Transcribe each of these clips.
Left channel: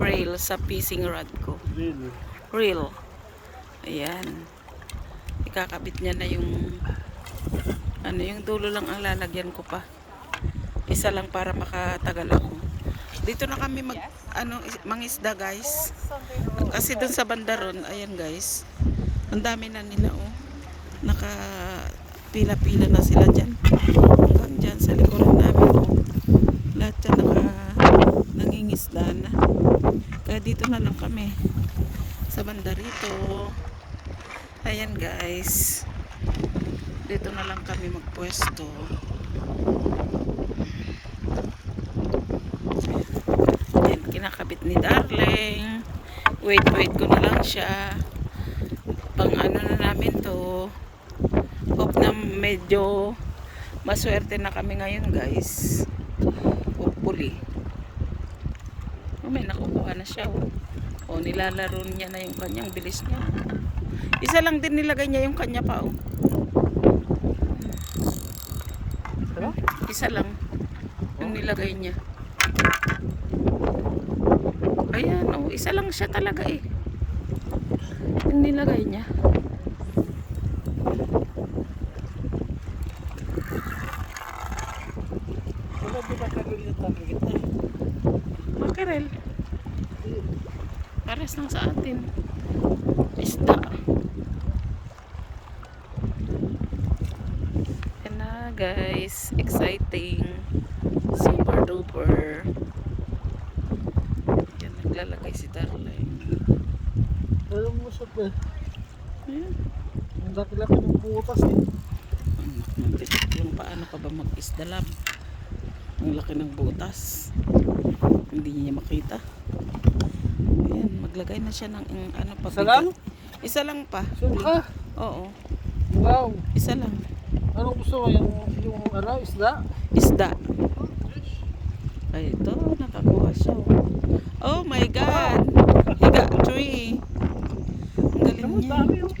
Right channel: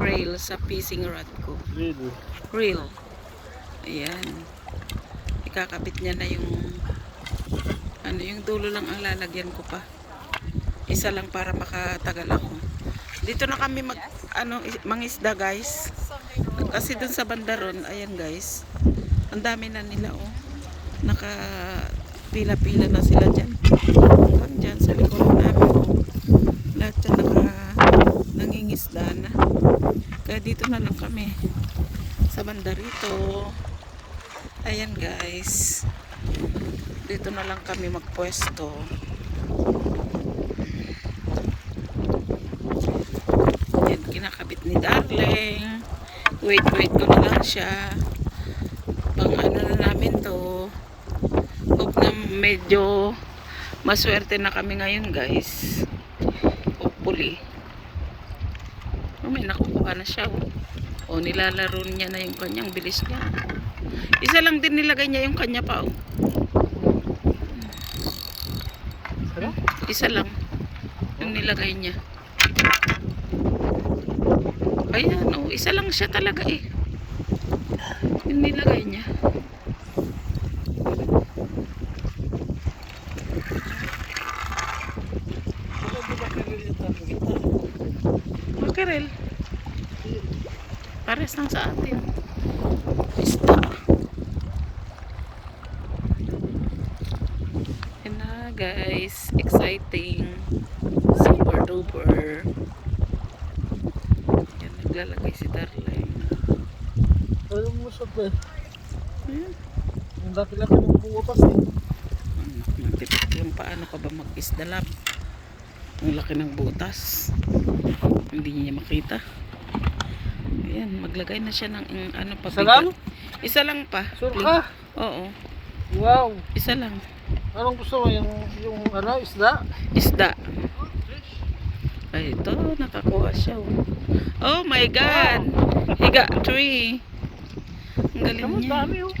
rail sa fishing rod ko. Reel. Ayan. Ikakabit niya na yung ano, yung dulo lang ang lalagyan ko pa. Isa lang para makatagal ako. Dito na kami mangisda, guys. Kasi dun sa bandaron, ayan guys. Ang dami na nila, oh. Naka pila-pila na sila dyan. Dyan sa likuran namin, oh. Lahat dyan nangingisda na. Kaya dito na lang kami. Sa bandarito. Ayan guys. Dito na lang kami magpwesto. Ayan, kinakabit ni Darling. Wait ko na lang siya. Pang ano na namin to. Hope na medyo maswerte na kami ngayon guys. Hopefully. May nakukuha na siya, oh. O, nilalaro niya na yung kanyang, bilis niya. Isa lang din nilagay niya yung kanya pa, oh. Isa lang yung nilagay niya. Ayan, oh, isa lang siya talaga eh. Yung nilagay niya. Makarel. Pares lang sa atin. Isda. Yan na guys. Exciting. Super duper. Yan, naglalagay si Darling. Ayaw mo siya ba? Ayan. Yung laki-laki ng butas eh. Magtipid yung paano ka ba mag-isda lab. Ang laki ng butas. Hindi niya makita. Ayan, maglagay na siya ng ano pa. Isa lang? Isa lang pa. Sure ka? Oo. Wow. Isa lang. Anong gusto mo? Yung ano, isda? Isda. Ay, ito, nakakuha siya. Oh my God! He got 3. Ang galing Ang niya. dami oh.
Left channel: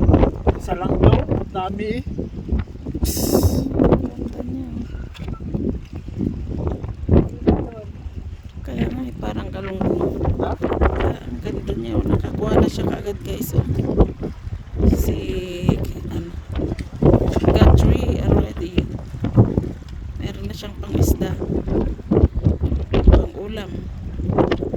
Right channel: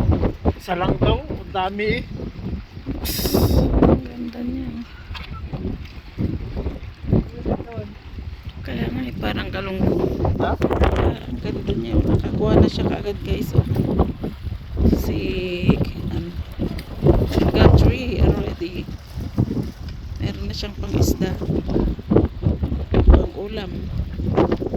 Isa lang daw. Ang dami eh. Ang ganda niya. Kaya nga, parang galunggong. Ha? Ang ganda niya. Nakakuha na siya kaagad guys. Si, ano, he got 3 already. Meron na siyang pang isda. Pang ulam.